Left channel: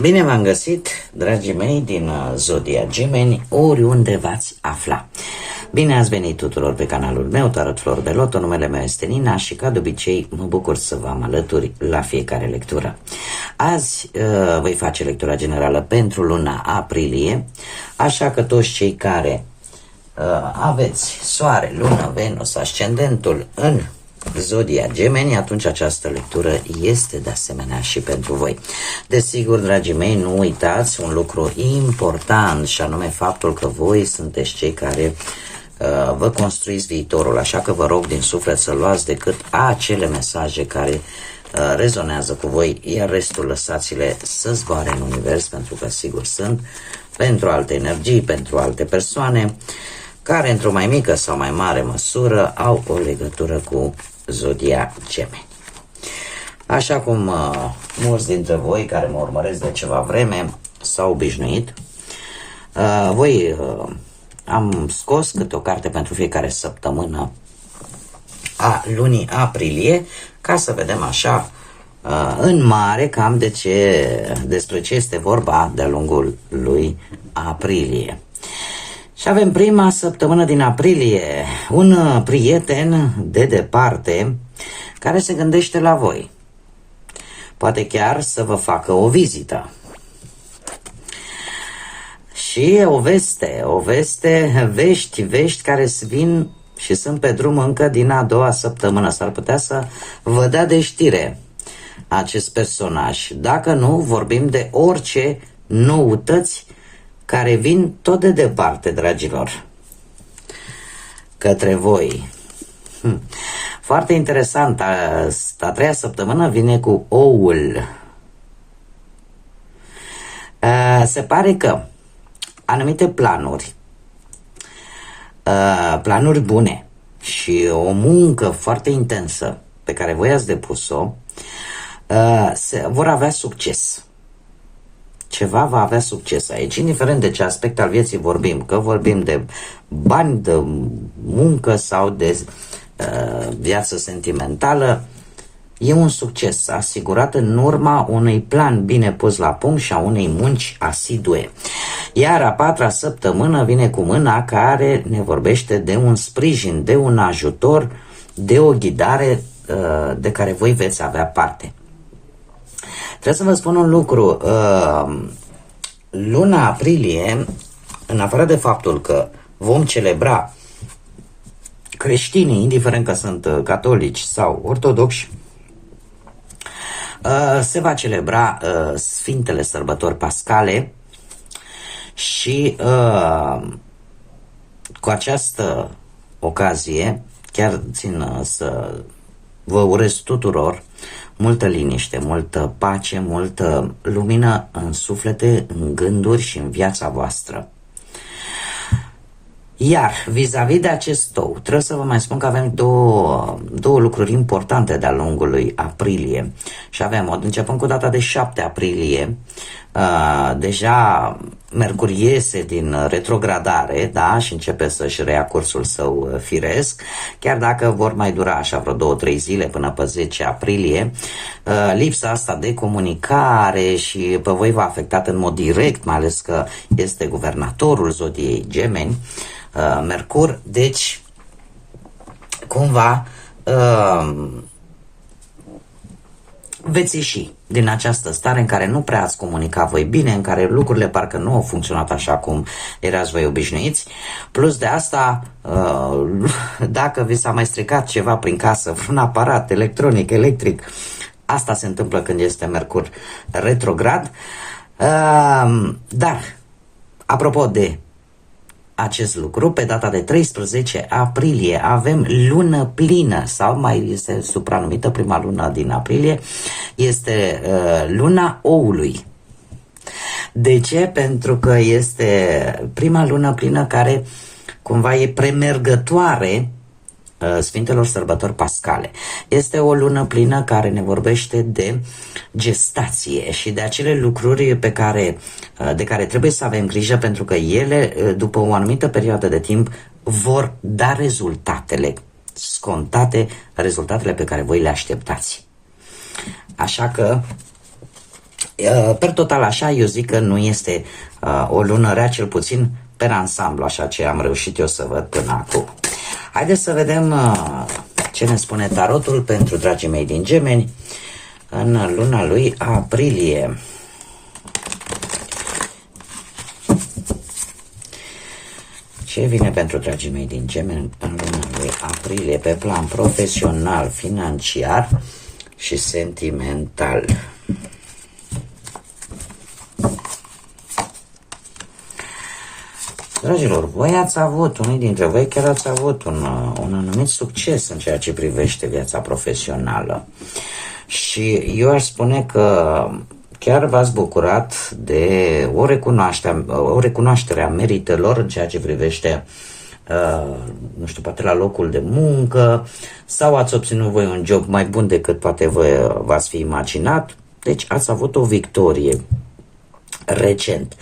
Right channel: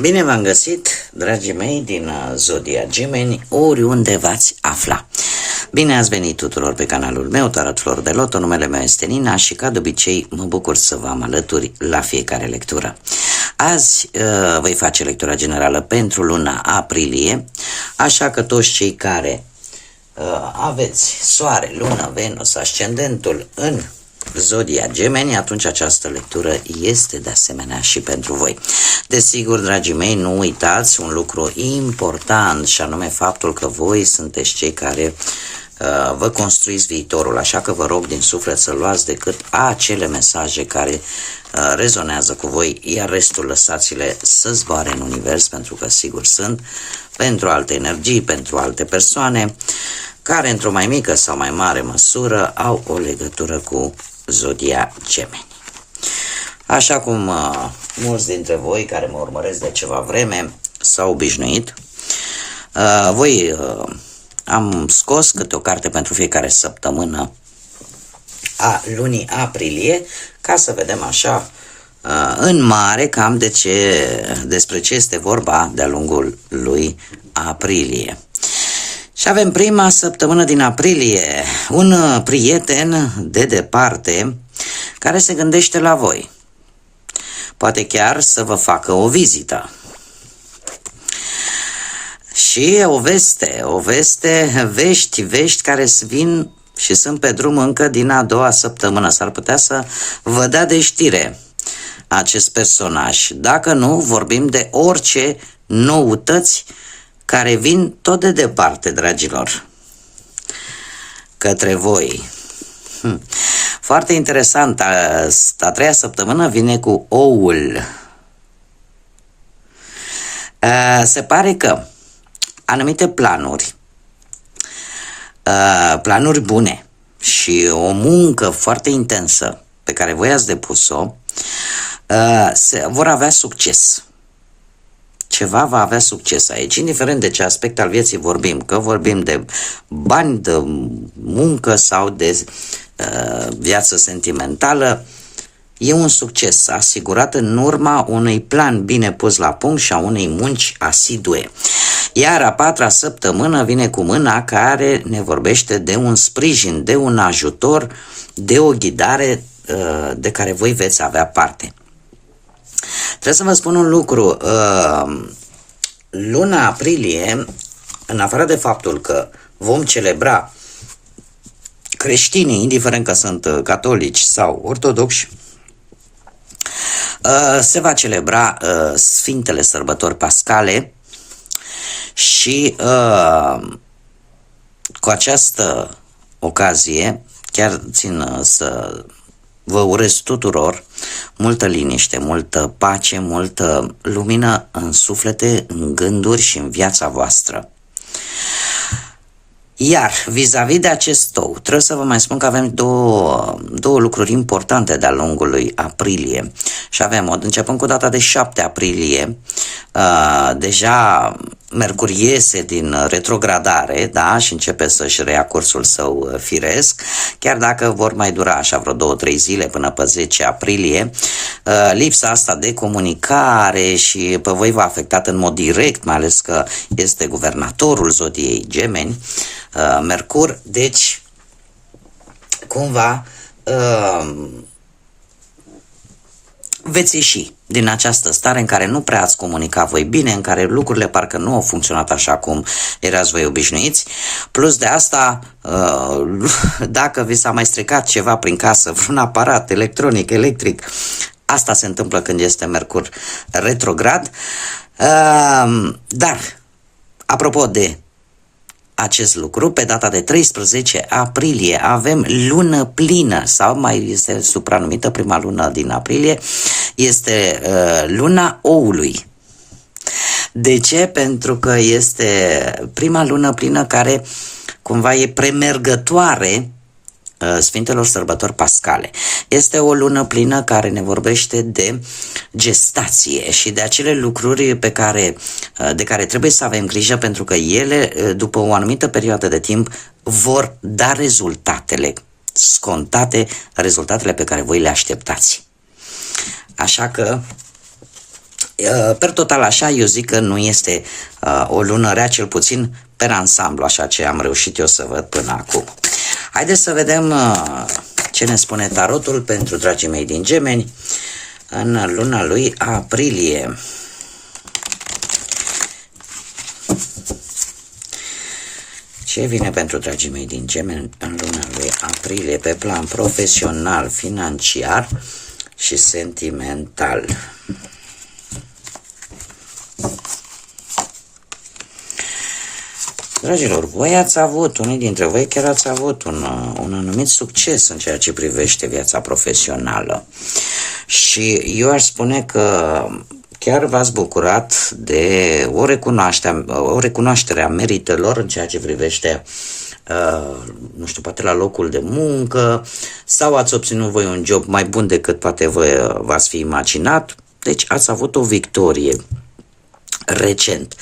Bine v-am găsit, dragii mei din Zodia Gemeni, oriunde v-ați afla. Bine ați venit tuturor pe canalul meu, Tarot Flor de Loto, numele meu este Nina și ca de obicei mă bucur să vă am alături la fiecare lectură. Azi voi face lectura generală pentru luna aprilie, așa că toți cei care aveți Soare, Lună, Venus, Ascendentul în Zodia Gemeni, atunci această lectură este de asemenea și pentru voi. Desigur, dragii mei, nu uitați un lucru important și anume faptul că voi sunteți cei care vă construiți viitorul, așa că vă rog din suflet să luați decât acele mesaje care rezonează cu voi, iar restul lăsați-le să zboare în univers, pentru că sigur sunt pentru alte energii, pentru alte persoane care într-o mai mică sau mai mare măsură au o legătură cu Zodia Gemeni. Așa cum mulți dintre voi care mă urmăresc de ceva vreme s-au obișnuit, am scos câte o carte pentru fiecare săptămână a lunii aprilie, ca să vedem așa în mare cam despre ce este vorba de-a lungul lui aprilie. Și avem prima săptămână din aprilie, un prieten de departe care se gândește la voi. Poate chiar să vă facă o vizită. Și o veste, vești care vin și sunt pe drum încă din a doua săptămână. S-ar putea să vă dea de știre acest personaj. Dacă nu, vorbim de orice noutăți care vin tot de departe, dragilor, către voi. Foarte interesant, a treia săptămână vine cu oul. Se pare că anumite planuri bune și o muncă foarte intensă pe care voi ați depus-o vor avea succes. Ceva va avea succes aici, indiferent de ce aspect al vieții vorbim, că vorbim de bani, de muncă sau de viață sentimentală, e un succes asigurat în urma unui plan bine pus la punct și a unei munci asidue. Iar a patra săptămână vine cu mâna care ne vorbește de un sprijin, de un ajutor, de o ghidare de care voi veți avea parte. Trebuie să vă spun un lucru, luna aprilie, în afară de faptul că vom celebra creștinii, indiferent că sunt catolici sau ortodoxi, se va celebra Sfintele Sărbători Pascale și cu această ocazie chiar țin să vă urez tuturor multă liniște, multă pace, multă lumină în suflete, în gânduri și în viața voastră. Iar vis-a-vis de acest ou, trebuie să vă mai spun că avem două lucruri importante de-a lungul lui aprilie. Și avem, începând cu data de 7 aprilie, deja Mercur iese din retrogradare, da, și începe să-și reia cursul său firesc, chiar dacă vor mai dura așa vreo 2-3 zile până pe 10 aprilie. Lipsa asta de comunicare și pe voi v-a afectat în mod direct, mai ales că este guvernatorul Zodiei Gemeni, Mercur, deci cumva veți ieși din această stare în care nu prea ați comunicat voi bine, în care lucrurile parcă nu au funcționat așa cum erați voi obișnuiți. Plus de asta, dacă vi s-a mai stricat ceva prin casă, vreun aparat electronic, electric, asta se întâmplă când este Mercur retrograd. Dar, apropo de acest lucru, pe data de 13 aprilie avem lună plină, sau mai este supranumită prima lună din aprilie, este luna oului. De ce? Pentru că este prima lună plină care cumva e premergătoare Sfintelor Sărbători Pascale. Este o lună plină care ne vorbește de gestație și de acele lucruri de care trebuie să avem grijă, pentru că ele, după o anumită perioadă de timp, vor da rezultatele scontate, rezultatele pe care voi le așteptați. Așa că Per total așa, eu zic că nu este o lună rea, cel puțin per ansamblu, așa ce am reușit eu să văd până acum. Haideți să vedem ce ne spune tarotul pentru dragii mei din Gemeni în luna lui aprilie. Ce vine pentru dragii mei din Gemeni în luna lui aprilie pe plan profesional, financiar și sentimental? Dragilor, voi ați avut, unii dintre voi chiar ați avut un anumit succes în ceea ce privește viața profesională. Și eu aș spune că chiar v-ați bucurat de o recunoaștere a meritelor în ceea ce privește, nu știu, poate la locul de muncă, sau ați obținut voi un job mai bun decât poate v-ați fi imaginat, deci ați avut o victorie recent.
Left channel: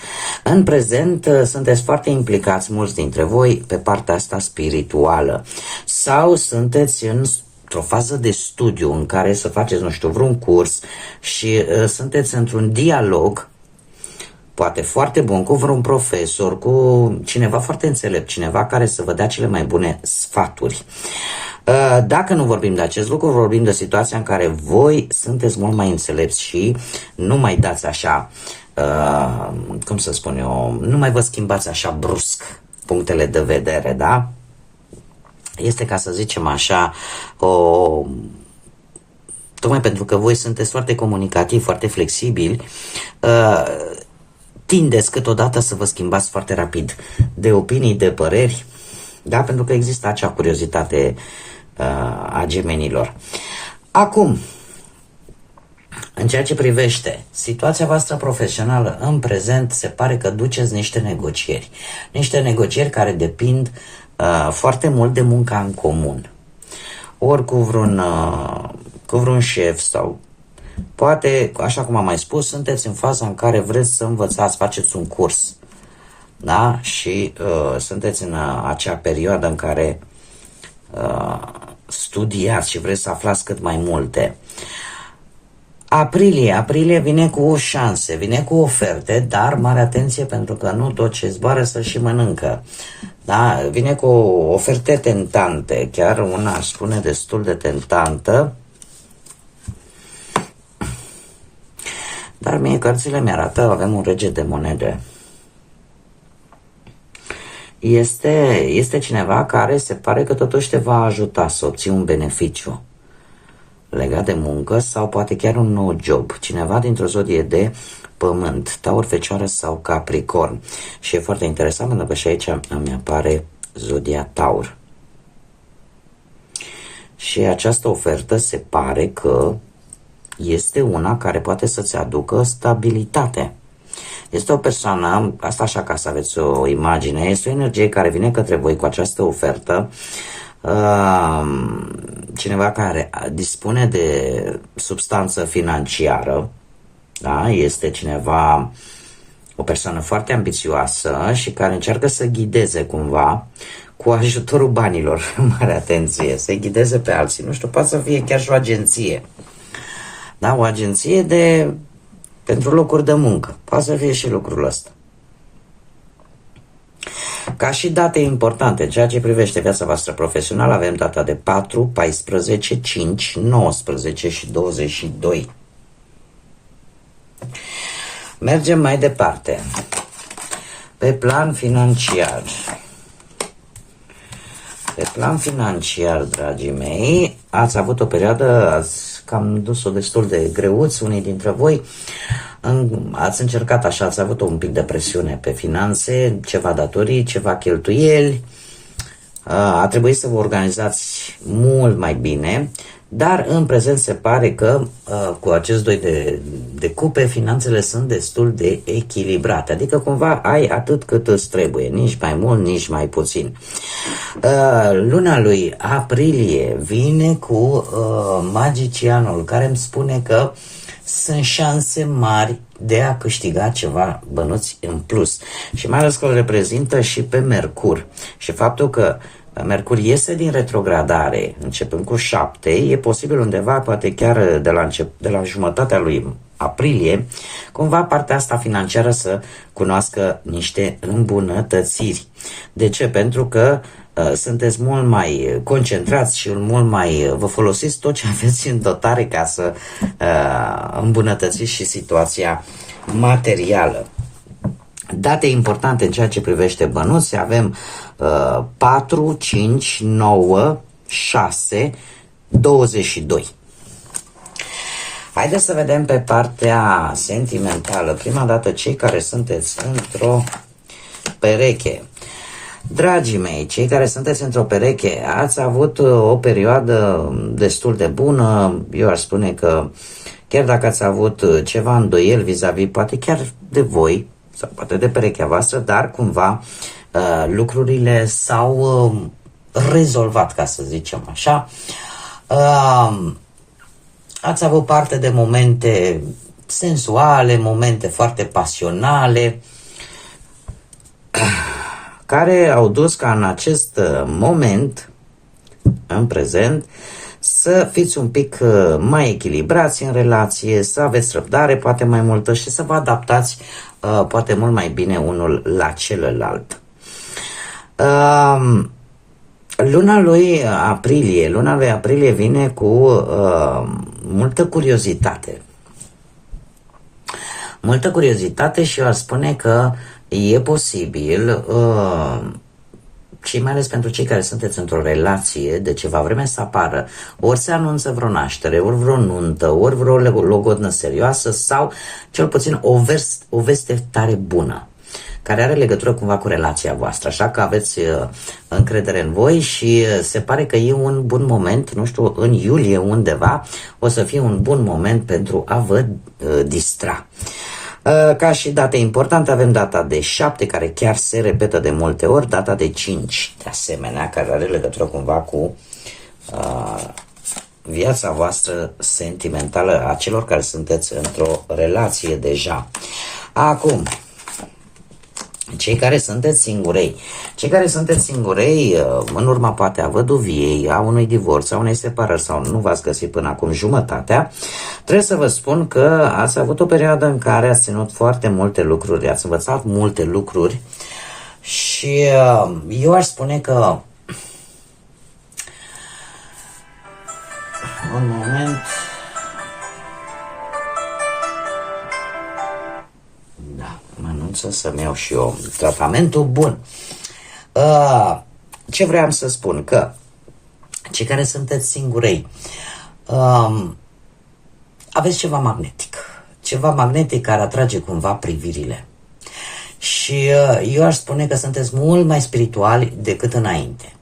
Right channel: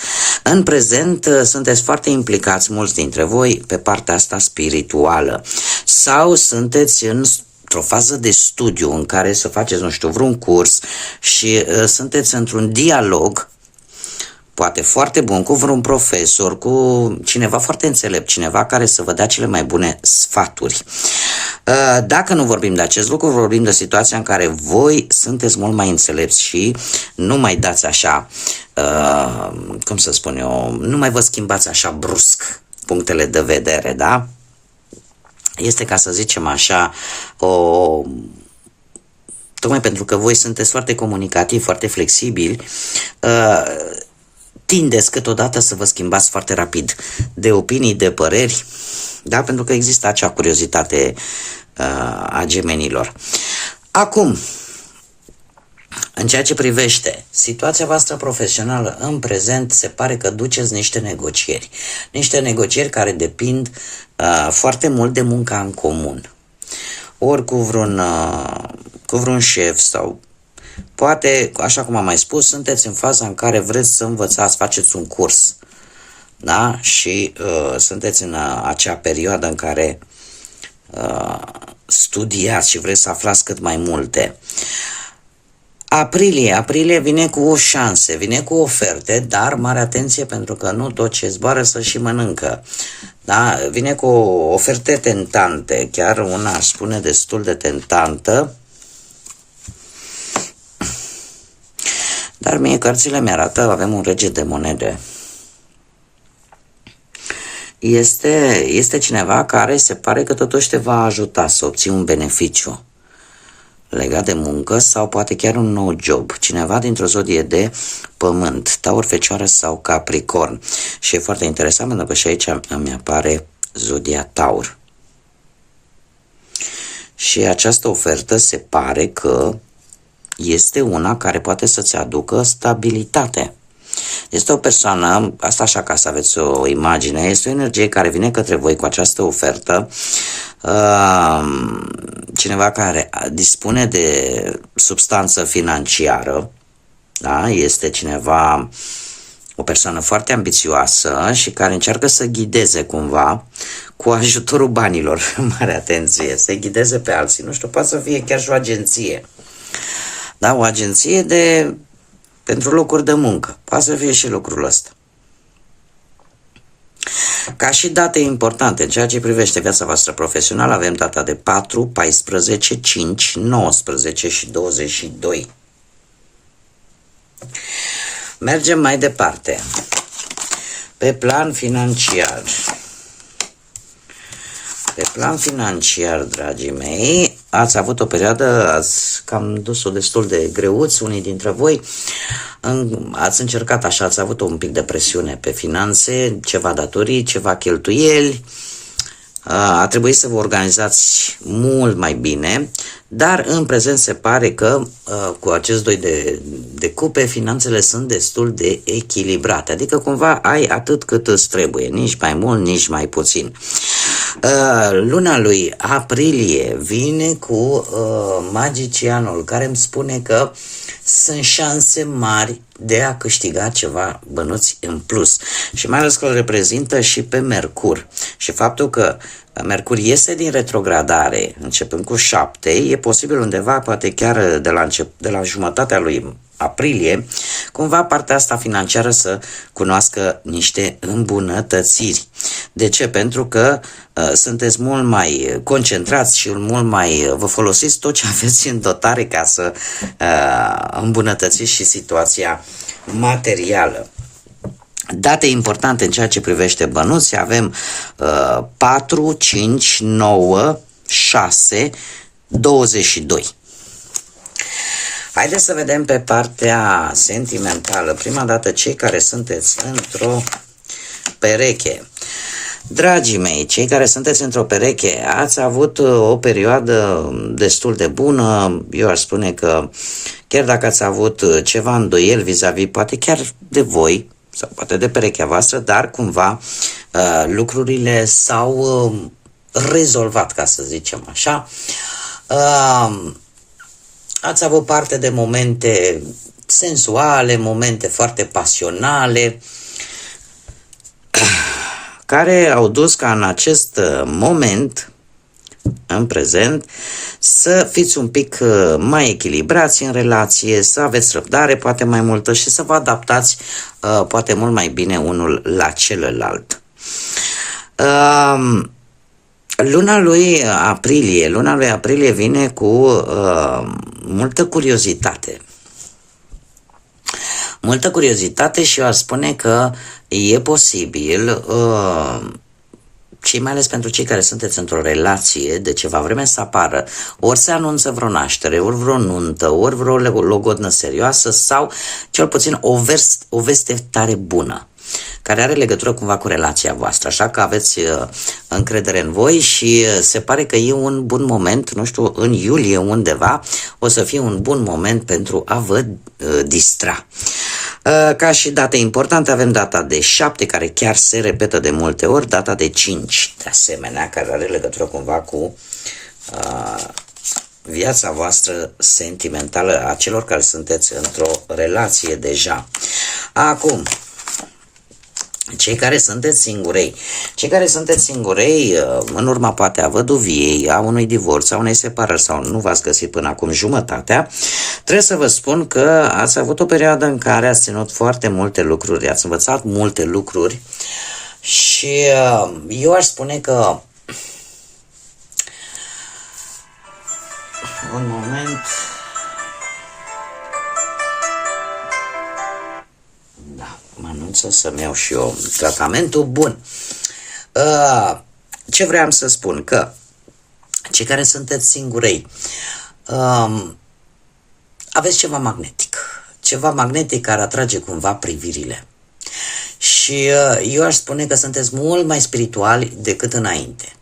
În prezent sunteți foarte implicați mulți dintre voi pe partea asta spirituală sau sunteți într-o fază de studiu în care să faceți, nu știu, vreun curs și sunteți într-un dialog poate foarte bun cu vreun profesor, cu cineva foarte înțelept, cineva care să vă dea cele mai bune sfaturi. Dacă nu vorbim de acest lucru, vorbim de situația în care voi sunteți mult mai înțelepți și nu mai dați așa, cum să spun eu, nu mai vă schimbați așa brusc punctele de vedere, da? Este, ca să zicem așa, tocmai pentru că voi sunteți foarte comunicativi, foarte flexibili, tindeți câteodată să vă schimbați foarte rapid de opinii, de păreri, da? Pentru că există acea curiozitate a gemenilor. Acum, în ceea ce privește situația voastră profesională în prezent, se pare că duceți niște negocieri care depind foarte mult de munca în comun. Ori cu vreun șef sau poate, așa cum am mai spus, sunteți în faza în care vreți să învățați, faceți un curs, da? Și sunteți în acea perioadă în care studiați și vreți să aflați cât mai multe. Aprilie vine cu șanse, vine cu oferte, dar mare atenție pentru că nu tot ce zboară să și mănâncă. Da? Vine cu oferte tentante, chiar una aș spune destul de tentantă, dar mie cărțile mi-arată, avem un rege de monede. Este cineva care se pare că totuși te va ajuta să obții un beneficiu legat de muncă sau poate chiar un nou job. Cineva dintr-o zodie de pământ, Taur, Fecioară sau Capricorn. Și e foarte interesant pentru că și aici îmi apare zodia Taur. Și această ofertă se pare că este una care poate să-ți aducă stabilitate. Este o persoană, asta așa ca să aveți o imagine, este o energie care vine către voi cu această ofertă, cineva care dispune de substanță financiară, da? Este cineva, o persoană foarte ambițioasă și care încearcă să ghideze cumva cu ajutorul banilor, mare atenție, să ghideze pe alții, nu știu, poate să fie chiar și o agenție, da? O agenție pentru locuri de muncă, poate să fie și lucrul ăsta. Ca și date importante, în ceea ce privește viața voastră profesională, avem data de 4, 14, 5, 19 și 22. Mergem mai departe. Pe plan financiar. Pe plan financiar, dragii mei, ați avut o perioadă, ați cam dus-o destul de greuți, unii dintre voi, ați încercat așa, ați avut un pic de presiune pe finanțe, ceva datorii, ceva cheltuieli, a trebuit să vă organizați mult mai bine, dar în prezent se pare că cu acest doi de cupe, finanțele sunt destul de echilibrate, adică cumva ai atât cât îți trebuie, nici mai mult, nici mai puțin. Luna lui aprilie vine cu magicianul, care îmi spune că sunt șanse mari de a câștiga ceva bănuți în plus. Și mai ales că îl reprezintă și pe Mercur. Și faptul că Mercur iese din retrogradare, începând cu 7, e posibil undeva, poate chiar de la jumătatea lui aprilie, cumva partea asta financiară să cunoască niște îmbunătățiri. De ce? Pentru că sunteți mult mai concentrați și mult mai vă folosiți tot ce aveți în dotare ca să îmbunătățiți și situația materială. Date importante în ceea ce privește bănuți, avem 4, 5, 9, 6, 22. Haideți să vedem pe partea sentimentală. Prima dată, cei care sunteți într-o pereche. Dragii mei, cei care sunteți într-o pereche, ați avut o perioadă destul de bună. Eu aș spune că chiar dacă ați avut ceva îndoieli vis-a-vis, poate chiar de voi, sau poate de perechea voastră, dar cumva lucrurile s-au rezolvat, ca să zicem așa. Ați avut parte de momente sensuale, momente foarte pasionale, care au dus ca în acest moment, în prezent, să fiți un pic mai echilibrați în relație, să aveți răbdare poate mai multă și să vă adaptați poate mult mai bine unul la celălalt. Luna lui aprilie vine cu multă curiozitate. Multă curiozitate și eu aș spune că e posibil, mai ales pentru cei care sunteți într-o relație de ceva vreme, să apară ori se anunță vreo naștere, ori vreo nuntă, ori vreo logodnă serioasă sau cel puțin o veste tare bună, care are legătură cumva cu relația voastră, așa că aveți încredere în voi și se pare că e un bun moment, nu știu, în iulie undeva, o să fie un bun moment pentru a vă distra. Ca și date importante avem data de 7, care chiar se repetă de multe ori, data de 5, de asemenea, care are legătură cumva cu viața voastră sentimentală a celor care sunteți într-o relație deja. Acum, cei care sunteți singurei, în urma poate a văduviei, a unui divorț, a unei separări sau nu v-ați găsit până acum jumătatea, trebuie să vă spun că ați avut o perioadă în care ați ținut foarte multe lucruri, ați învățat multe lucruri și eu aș spune că un moment. Să-mi iau și eu tratamentul bun. Ce vreau să spun? Că cei care sunteți singurei aveți ceva magnetic care atrage cumva privirile și eu aș spune că sunteți mult mai spirituali decât înainte.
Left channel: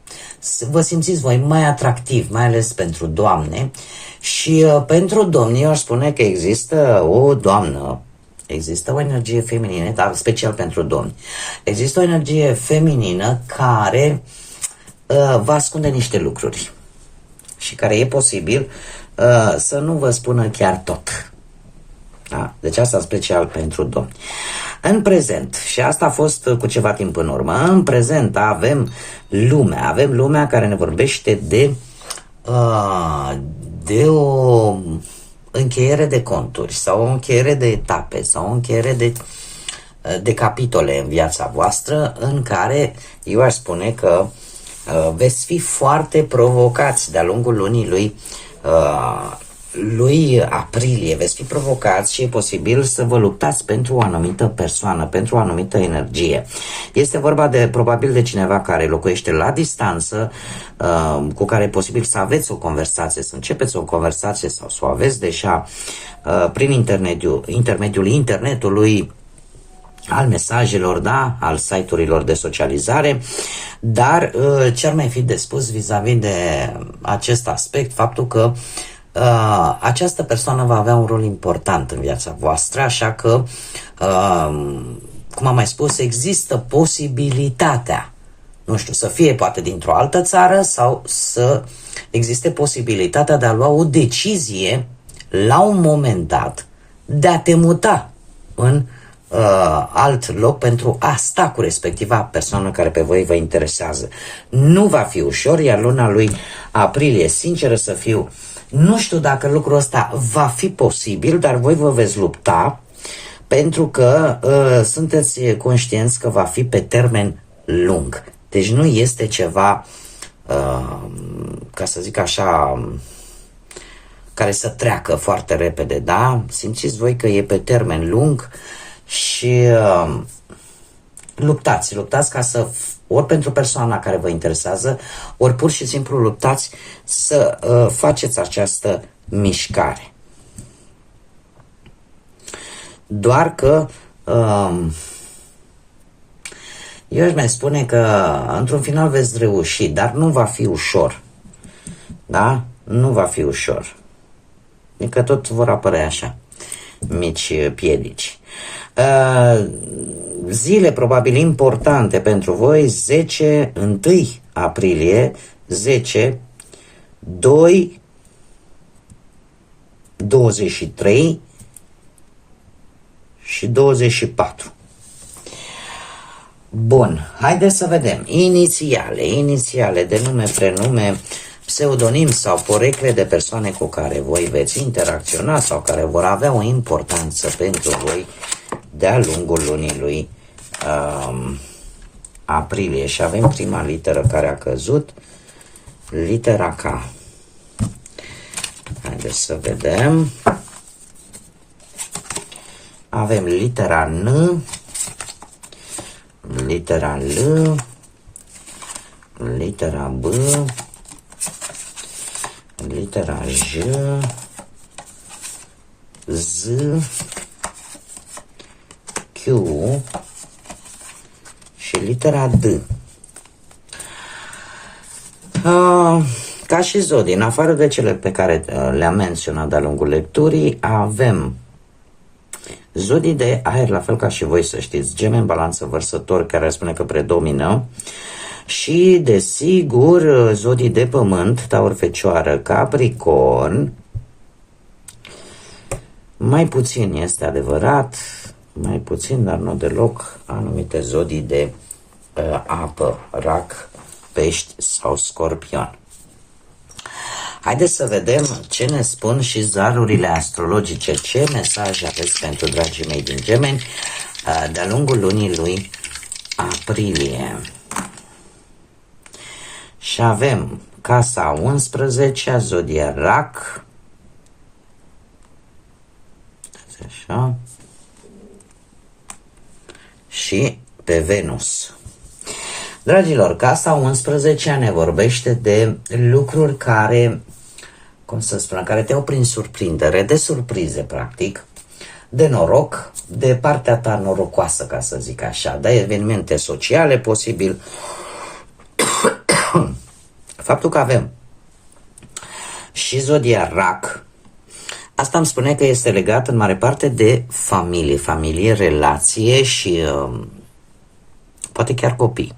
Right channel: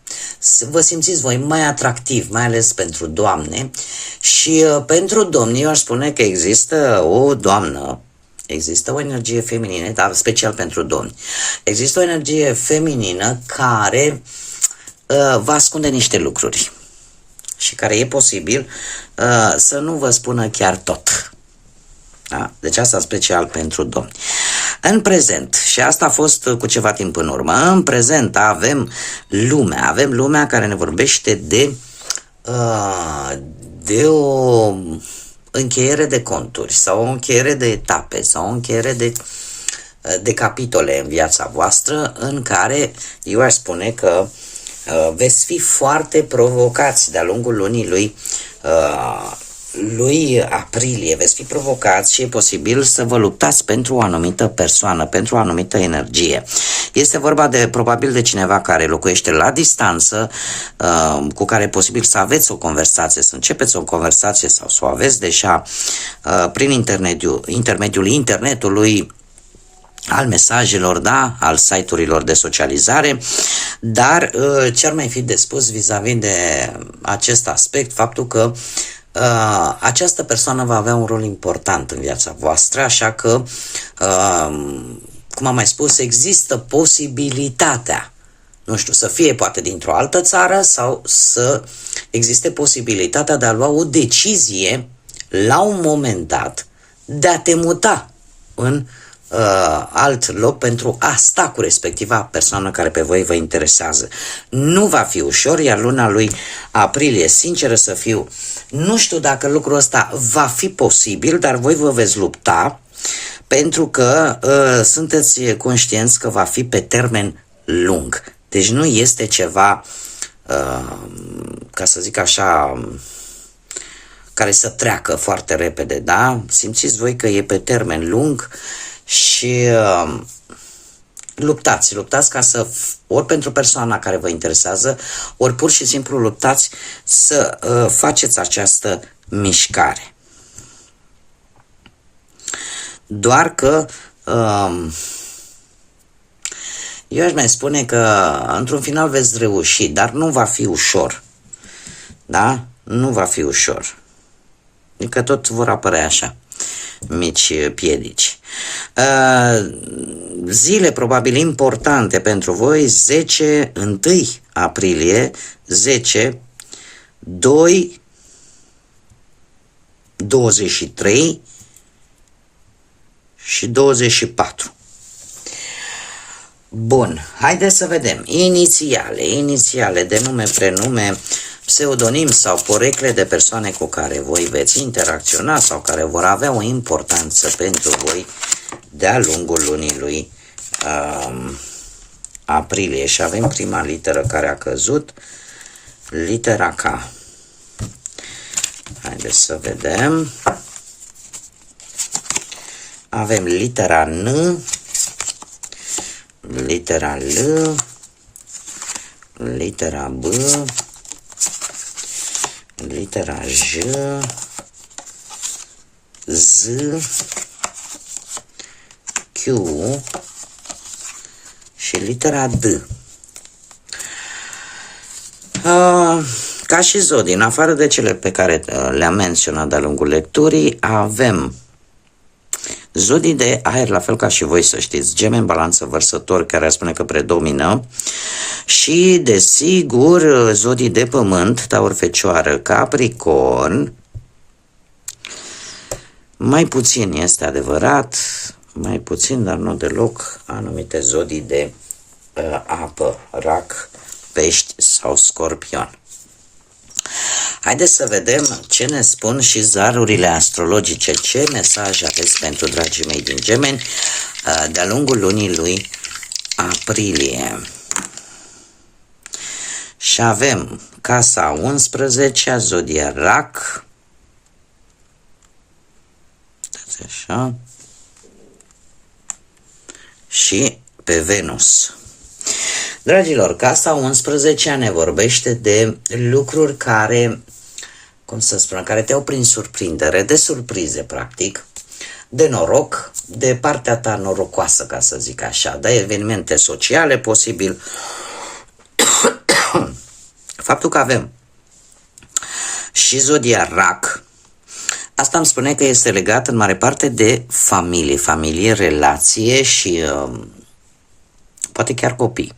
Vă simțiți voi mai atractiv, mai ales pentru doamne și pentru domni eu aș spune că există o doamnă. Există o energie feminină, dar special pentru domni. Există o energie feminină care vă ascunde niște lucruri și care e posibil să nu vă spună chiar tot. Da? Deci asta special pentru domni. În prezent, și asta a fost cu ceva timp în urmă, în prezent avem lumea care ne vorbește de o încheiere de conturi sau o încheiere de etape sau o încheiere de capitole în viața voastră în care eu aș spune că veți fi foarte provocați de-a lungul lunii lui aprilie, veți fi provocați și e posibil să vă luptați pentru o anumită persoană, pentru o anumită energie. Este vorba probabil de cineva care locuiește la distanță, cu care e posibil să aveți o conversație, să începeți o conversație sau să o aveți deja prin intermediul internetului, al mesajelor, da, al site-urilor de socializare, dar ce ar mai fi de spus vis-a-vis de acest aspect, faptul că această persoană va avea un rol important în viața voastră, așa că, cum am mai spus, există posibilitatea, nu știu, să fie poate dintr-o altă țară sau să existe posibilitatea de a lua o decizie la un moment dat de a te muta în alt loc pentru a sta cu respectiva persoană care pe voi vă interesează. Nu va fi ușor, iar luna lui aprilie, sinceră să fiu, Nu știu dacă lucrul ăsta va fi posibil, dar voi vă veți lupta pentru că sunteți conștienți că va fi pe termen lung. Deci nu este ceva, ca să zic așa, care să treacă foarte repede, da? Simțiți voi că e pe termen lung și luptați ca să, ori pentru persoana care vă interesează, ori pur și simplu luptați să faceți această mișcare. Doar că eu aș mai spune că într-un final veți reuși, dar nu va fi ușor. Da? Nu va fi ușor. Adică tot vor apărea așa mici piedici. Zile probabil importante pentru voi: 10, 1 aprilie, 10, 2, 23 și 24. Bun, haideți să vedem. Inițiale de nume, prenume, pseudonim sau porecle de persoane cu care voi veți interacționa sau care vor avea o importanță pentru voi de-a lungul lunii lui aprilie. Și avem prima literă care a căzut, litera K. Haideți să vedem. Avem litera N, litera L, litera B, litera J, Z, Q și litera D. Ca și zodii, în afară de cele pe care le-am menționat de-a lungul lecturii, avem zodii de aer, la fel ca și voi, să știți: Gemeni, Balanță, Vărsător, care spune că predomină, și desigur zodii de pământ, Taur, Fecioară, Capricorn. Mai puțin este adevărat, mai puțin, dar nu deloc, anumite zodii de apă, Rac, Pești sau Scorpion. Haideți să vedem ce ne spun și zarurile astrologice, ce mesaj aveți pentru dragii mei din Gemeni de-a lungul lunii lui aprilie. Și avem casa 11, zodia Rac, așa, și pe Venus. Dragilor, casa 11 ne vorbește de lucruri care, cum să spun, care te-au prin surprindere, de surprize, practic, de noroc, de partea ta norocoasă, ca să zic așa, de evenimente sociale, posibil. Faptul că avem și zodia Rac, asta îmi spune că este legat în mare parte de familie, relație și poate chiar copii.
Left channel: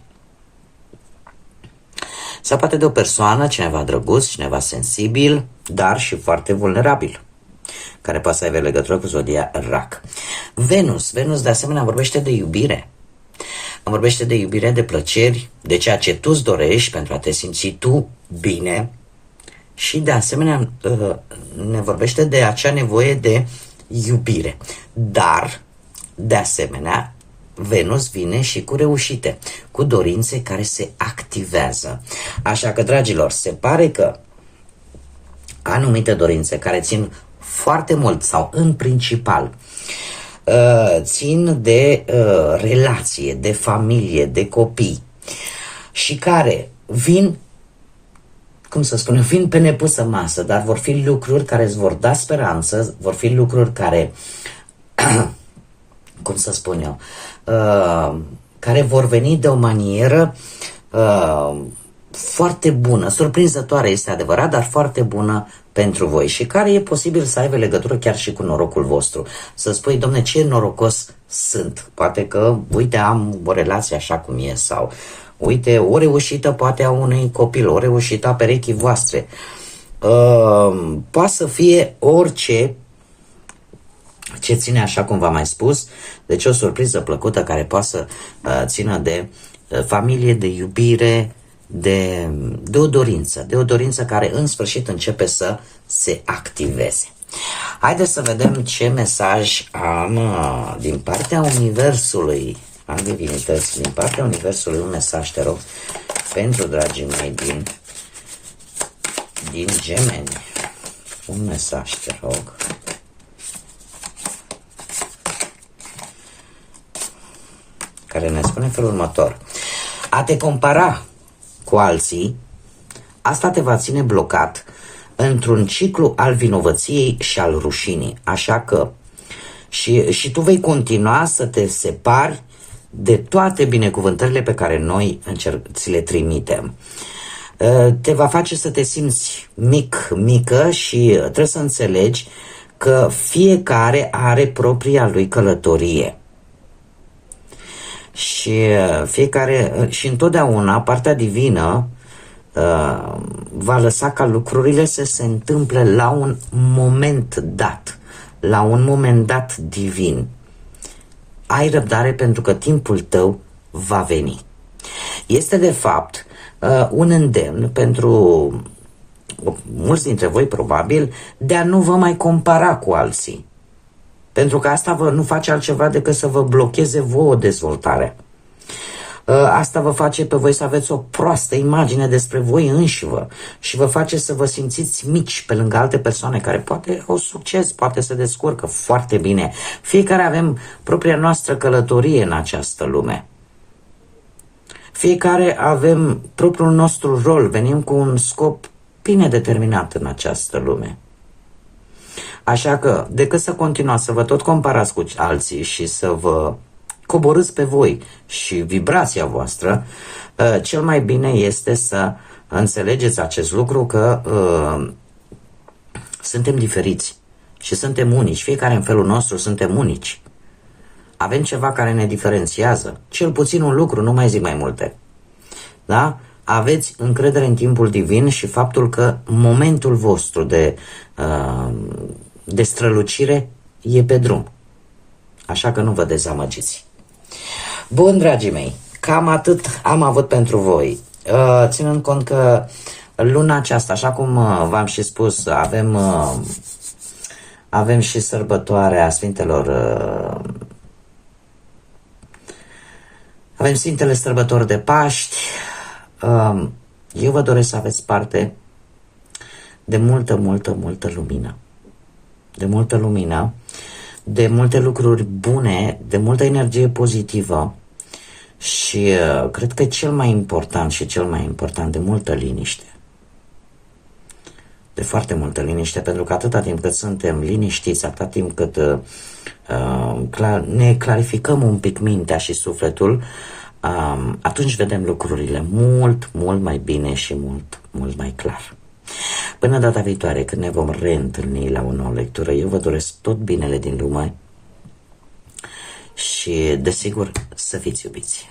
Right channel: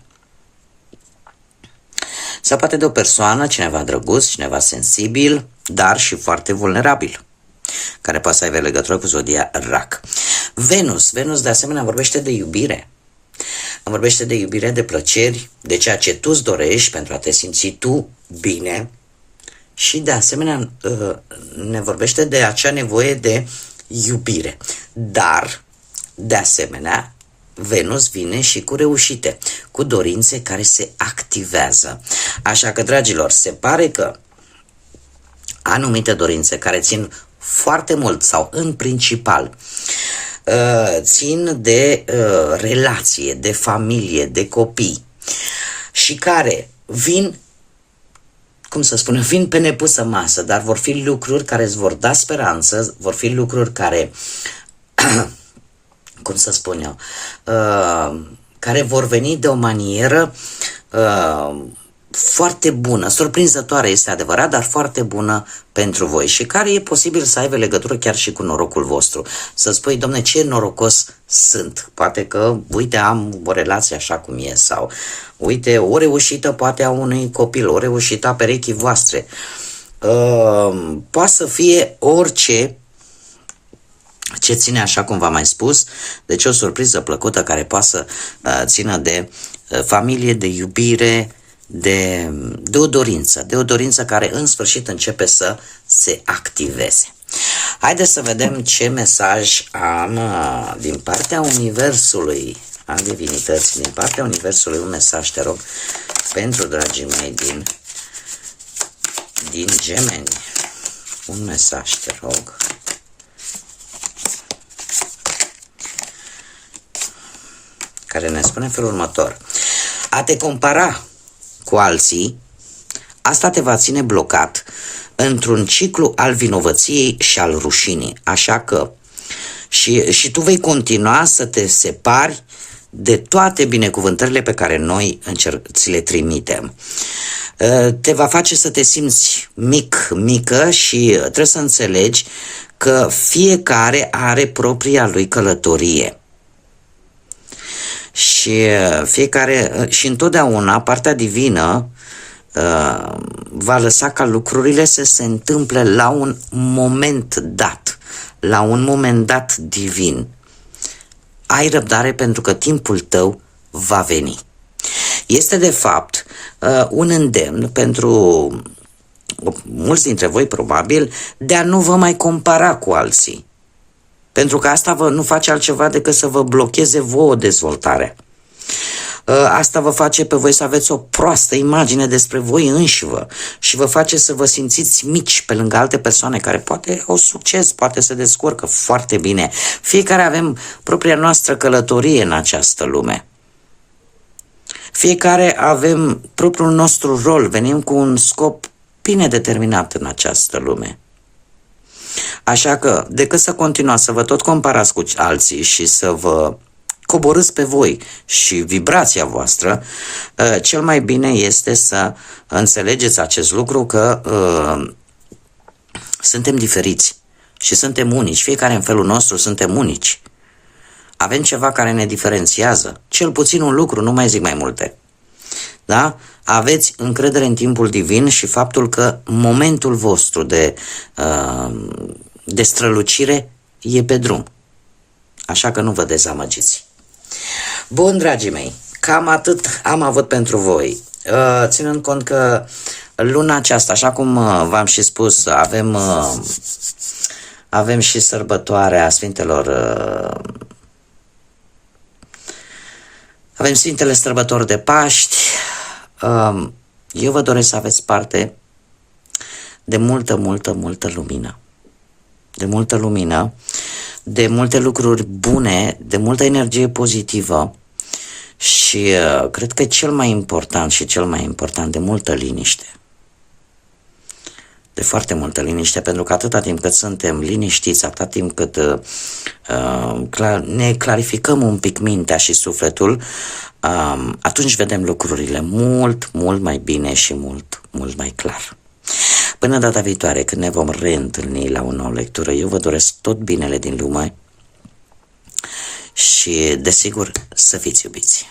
Sau poate de o persoană, cineva drăguț, cineva sensibil, dar și foarte vulnerabil, care poate să aibă legătură cu zodia Rac. Venus de asemenea vorbește de iubire. Vorbește de iubire, de plăceri, de ceea ce tu îți dorești pentru a te simți tu bine. Și de asemenea ne vorbește de acea nevoie de iubire. Dar, de asemenea, Venus vine și cu reușite, cu dorințe care se activează. Așa că, dragilor, se pare că anumite dorințe care țin foarte mult sau în principal țin de relație, de familie, de copii și care vin, cum să spun, vin pe nepusă masă, dar vor fi lucruri care îți vor da speranță, vor fi lucruri care cum să spun eu, care vor veni de o manieră foarte bună, surprinzătoare este adevărat, dar foarte bună pentru voi și care e posibil să aibă legătură chiar și cu norocul vostru. Să spui, domne, ce norocos sunt, poate că, uite, am o relație așa cum e, sau uite, o reușită poate a unui copil, o reușită a perechii voastre. Poate să fie orice ce ține, așa cum v-am mai spus, deci o surpriză plăcută care poate să țină de familie, de iubire, de o dorință care în sfârșit începe să se activeze. Haideți să vedem ce mesaj am din partea Universului, a divinității, din partea Universului, un mesaj, te rog, pentru dragii mei din Gemeni. Un mesaj, te rog. Care ne spune felul următor. A te compara cu alții, asta te va ține blocat într-un ciclu al vinovăției și al rușinii. Așa că și tu vei continua să te separi de toate binecuvântările pe care noi ți le trimitem. Te va face să te simți mică și trebuie să înțelegi că fiecare are propria lui călătorie. Și întotdeauna partea divină va lăsa ca lucrurile să se întâmple la un moment dat, divin. Ai răbdare pentru că timpul tău va veni. Este de fapt un îndemn pentru mulți dintre voi probabil de a nu vă mai compara cu alții. Pentru că asta nu face altceva decât să vă blocheze vouă dezvoltarea. Asta vă face pe voi să aveți o proastă imagine despre voi înșivă și vă face să vă simțiți mici pe lângă alte persoane care poate au succes, poate se descurcă foarte bine. Fiecare avem propria noastră călătorie în această lume. Fiecare avem propriul nostru rol, venim cu un scop bine determinat în această lume. Așa că, decât să continuați să vă tot comparați cu alții și să vă coborâți pe voi și vibrația voastră, cel mai bine este să înțelegeți acest lucru, că suntem diferiți și suntem unici. Fiecare în felul nostru suntem unici. Avem ceva care ne diferențiază. Cel puțin un lucru, nu mai zic mai multe. Da? Aveți încredere în timpul divin și faptul că momentul vostru de strălucire e pe drum. Așa că nu vă dezamăgiți. Bun, dragii mei, cam atât am avut pentru voi. Ținând cont că luna aceasta, așa cum v-am și spus, avem și sărbătoarea Sfintelor, avem Sfintele Sărbători de Paști. Eu vă doresc să aveți parte de multă lumină. De multă lumină, de multe lucruri bune, de multă energie pozitivă și cred că cel mai important, de multă liniște. De foarte multă liniște, pentru că atâta timp cât suntem liniștiți, atâta timp cât ne clarificăm un pic mintea și sufletul, atunci vedem lucrurile mult mai bine și mult mai clar. Până data viitoare, când ne vom reîntâlni la o nouă lectură, eu vă doresc tot binele din lume și, desigur, să fiți iubiți.